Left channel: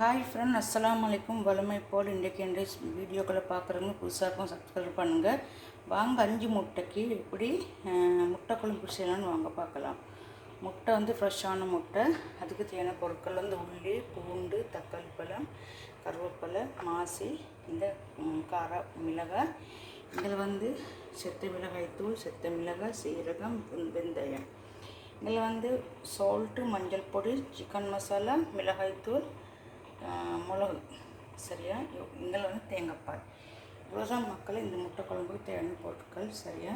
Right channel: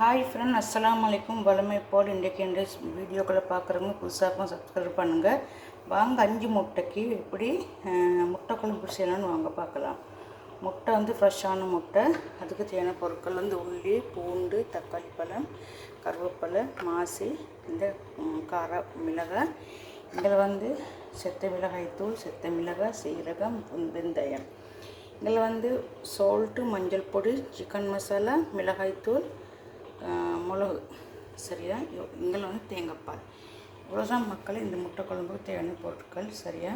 Hi friend, அஸ்ஸலாமு அலைக்கும். வளமை போல் இன்றைக்கு இந்த வீடியோக்களை பார்க்குறவங்க புதுசாகவும் சப்ஸ்கிரைப் பண்ணுங்கள். வாங்க 5 முட்டைக்கு எப்படி முட்டை குழம்பு செய்யலாம்னு வாங்க பார்க்கலாம். முட்டை ஃப்ரெஷ்ஷான முட்டை. அதுக்கு தேவையான பொருட்கள் உள்ளி, பூண்டு, தக்காளி பழம், கருவேப்பிலை, மாசி, இந்த கார மிளகாய். இதில் செத்த மிளகாய் தூள், செத்த மிளகாய், சீரகம், வெந்தயம். இதில் சால்ட்டு, மஞ்சள் பொடி, சிக்கன் மசாலா, மிளகாய்த்தூள், மிளகு. சரியா? இங்கே தேங்காய்ப்பால். இவ்வளோதான் மக்கள் இந்த முட்டை குழம்புக்கு தேவையான பொருட்கள். சரியா?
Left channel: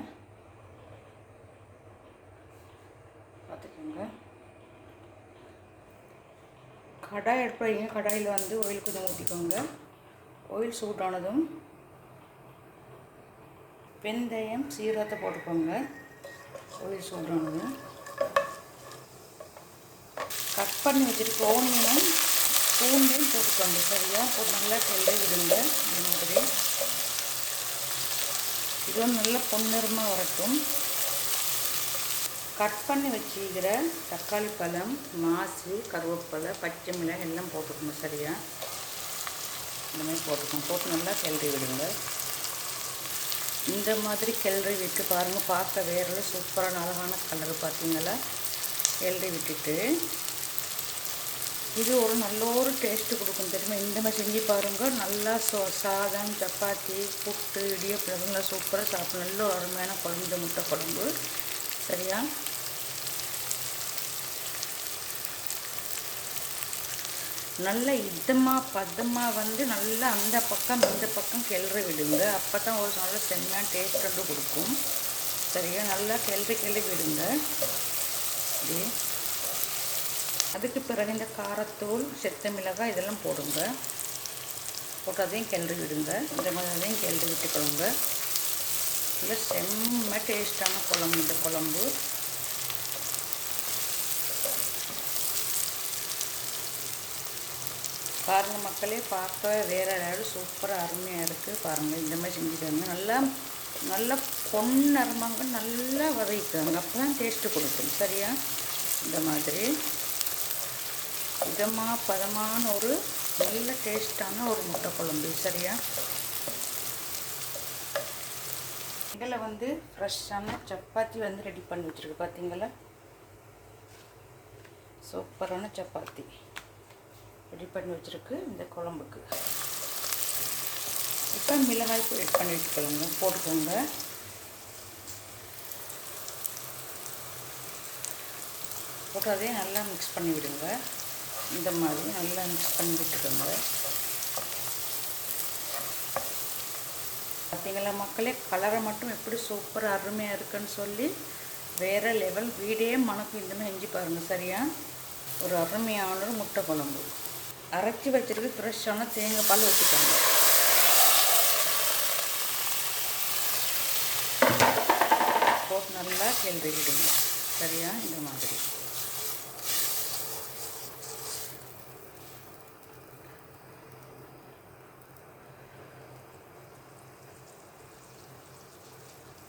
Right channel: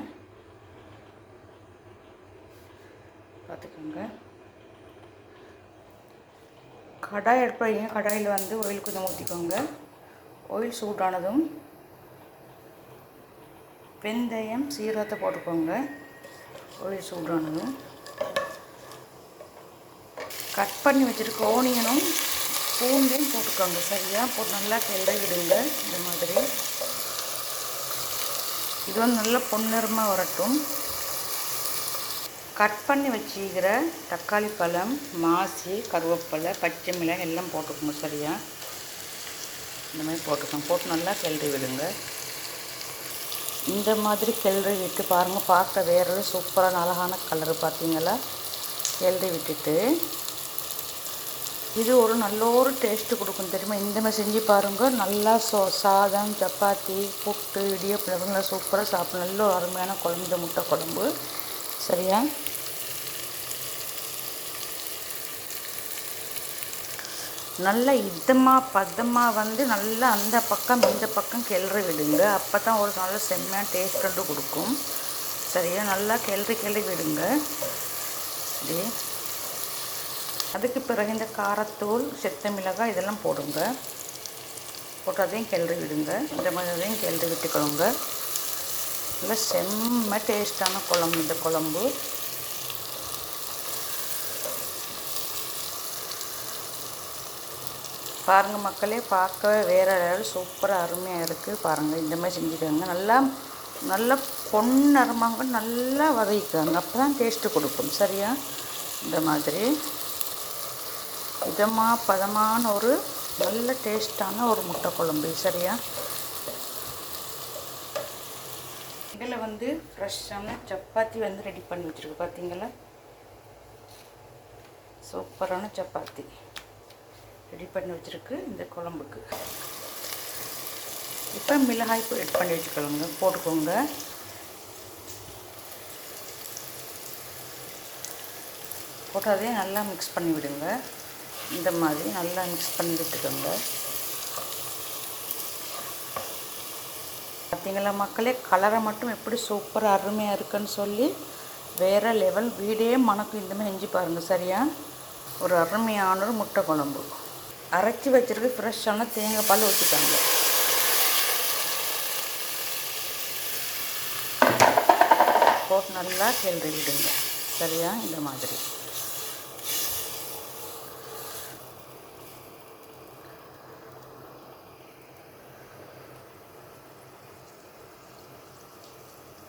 பார்த்துக்கோங்க. கடாய் எடுப்பீங்க. கடாயில் ஆயில் கொஞ்சம் ஊற்றிக்கோங்க. ஆயில் சூடானதும் வெந்தயம், சீரகத்தை போட்டுக்கோங்க. ஆயில் சூடானதும் கட் பண்ணி வச்சுருக்க ஓனியனும் பூண்டையும் போட்டுக்கோங்க. சரியா? போட்டு நல்லா கிளறி விடுங்க. இந்த மாதிரி இது நல்லா பொன்னிறமாக வரட்டும். கட் பண்ணி வச்சுக்கிற தக்காளி பழம், மாசி, கருவேப்பிலை, பச்சை மிளகாய் எல்லாம் போட்டுக்கோங்க. சரியா? இந்த மாதிரி போட்டுக்கோங்க. போட்டு நல்லா கிளறி விடுங்க. இந்த மாதிரி கிளறி விட்டு பாருங்கள். பார்க்க வேறு சூப்பரான அழகான கலரு. பார்த்தீங்களா? கிளறி விட்டுட்டு இது நல்ல ஒரு டேஸ்ட்டு கொடுக்கும். தெரியுமா? இந்த மாதிரி செஞ்சு பாருங்கள். நல்லா சாதம், சப்பாத்தி, புட்டு, இடியப்பம் நல்லா சூப்பராக சாப்பிடும். நல்ல ஒரு அருமையான குழம்பு இந்த முட்டை குழம்பு. சரியா? நல்லா பதமாக நல்லா அந்த பக்கம் இந்த பக்கம் கிளறி விடுங்க. அப்போ தான் ஒரு நல்ல செம்மையான டேஸ்ட்டு கொடுக்கும். சரியா? நல்லா கிளறி விடுங்க. இப்படி அதுக்கு பிறகு இந்த காரத்தூள், செத்த மிளகாய் இதெல்லாம் போடுங்க. போட்டு அதையும் கிளறி விடுங்க. இந்த மாதிரி அதையும் கிளறி விட்டுக்கோங்க. நல்லா செம்ம டேஸ்டான குழம்பு இந்த குழம்பு. பாருங்கள் மக்களே, பார்க்கவே வேறு லெவல் சூப்பராக அருமையாக இருக்குது. பாருங்கள், இந்த மாதிரி செஞ்சுக்கோங்க. நல்லா பொன்னிறமாக நல்லா வதக்கிக்கோங்க. அப்போ தான் டேஸ்ட்டு கொடுக்கும். சரியா? இந்த மாதிரி பதமான ஒரு நல்ல டேஸ்டான ஒரு முட்டை குழம்பு. சரியா? இதில் ஃப்ரெஷ்ஷான சப்பாத்தி ரெடி பண்ணி வச்சுருக்கு. பார்த்தீங்களா? சூப்பரான சப்பாத்தி ரெடி பண்ணி வச்சுருக்கு இந்த குழம்புக்கு. இப்போ மிளகாய் ஆட் பண்ணி போட்டுக்கோங்க. போட்டு அதையும் நல்லா மிக்ஸ் பண்ணி விடுங்க. இந்த மாதிரி நல்லா மிக்ஸ் பண்ணி விட்டுக்கோங்க. பார்த்தீங்களா மக்களே? கலரை மட்டும் எப்படி சூப்பராக அருமையாக இருக்குன்னு சொல்லி வேறு லெவல் வீடே மணக்கும். இந்த மாதிரி செஞ்சு பாருங்கள். சரியா? ஒரு அருமையான ஒரு முட்டை குழம்பு. அரைச்சி வச்சுருக்கு ஃப்ரெஷ்ஷான தேங்காய் பால் ஊற்றிக்கோங்க. போட்டு நல்லா கிளறி விடுங்க. சரியா? இந்த மாதிரி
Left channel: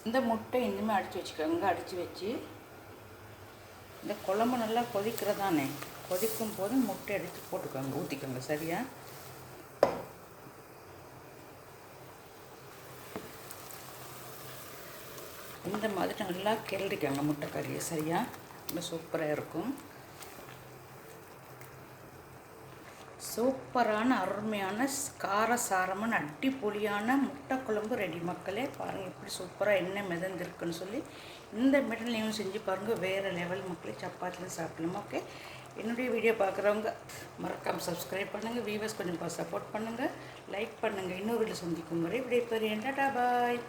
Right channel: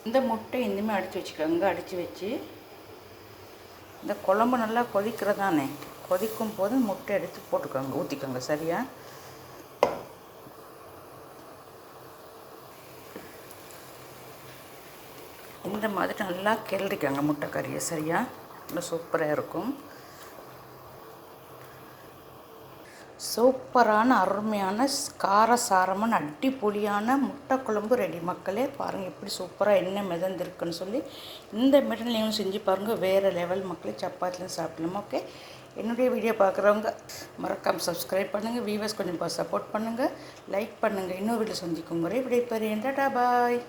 இந்த முட்டை இந்தமாதிரி அடித்து வச்சுக்கோங்க. அடித்து வச்சு இந்த குழம்பு நல்லா கொதிக்கிறதானே, கொதிக்கும் போது முட்டை எடுத்து போட்டுக்கோங்க, ஊற்றிக்கோங்க. சரியா? இந்த மாதிரி நல்லா கிளறிக்கோங்க முட்டை கறியை. சரியா? நல்லா சூப்பராக இருக்கும். சூப்பரான அருமையான காரசாரமான அடிப்பொலியான முட்டை குழம்பு ரெடி. மக்களே பாருங்கள் எப்படி சூப்பராக என்ன மிதந்திருக்குன்னு சொல்லி. இந்த மெட்டல் நீங்களும் செஞ்சு பாருங்கள். வேறு லெவல் மக்களே. சப்பாத்திலையும் சாப்பிடலாம். ஓகே, என்னுடைய வீடியோ பார்க்குறவங்க மறக்காமல் சப்ஸ்கிரைப் பண்ணுங்கள். வீவர்ஸ் கொஞ்சம் சப்போர்ட் பண்ணுங்கள், லைக் பண்ணுங்கள். இன்னொரு வீடியோ செஞ்சுக்கும் முறை விடைபெறுகிறேன். டாடா பாய்.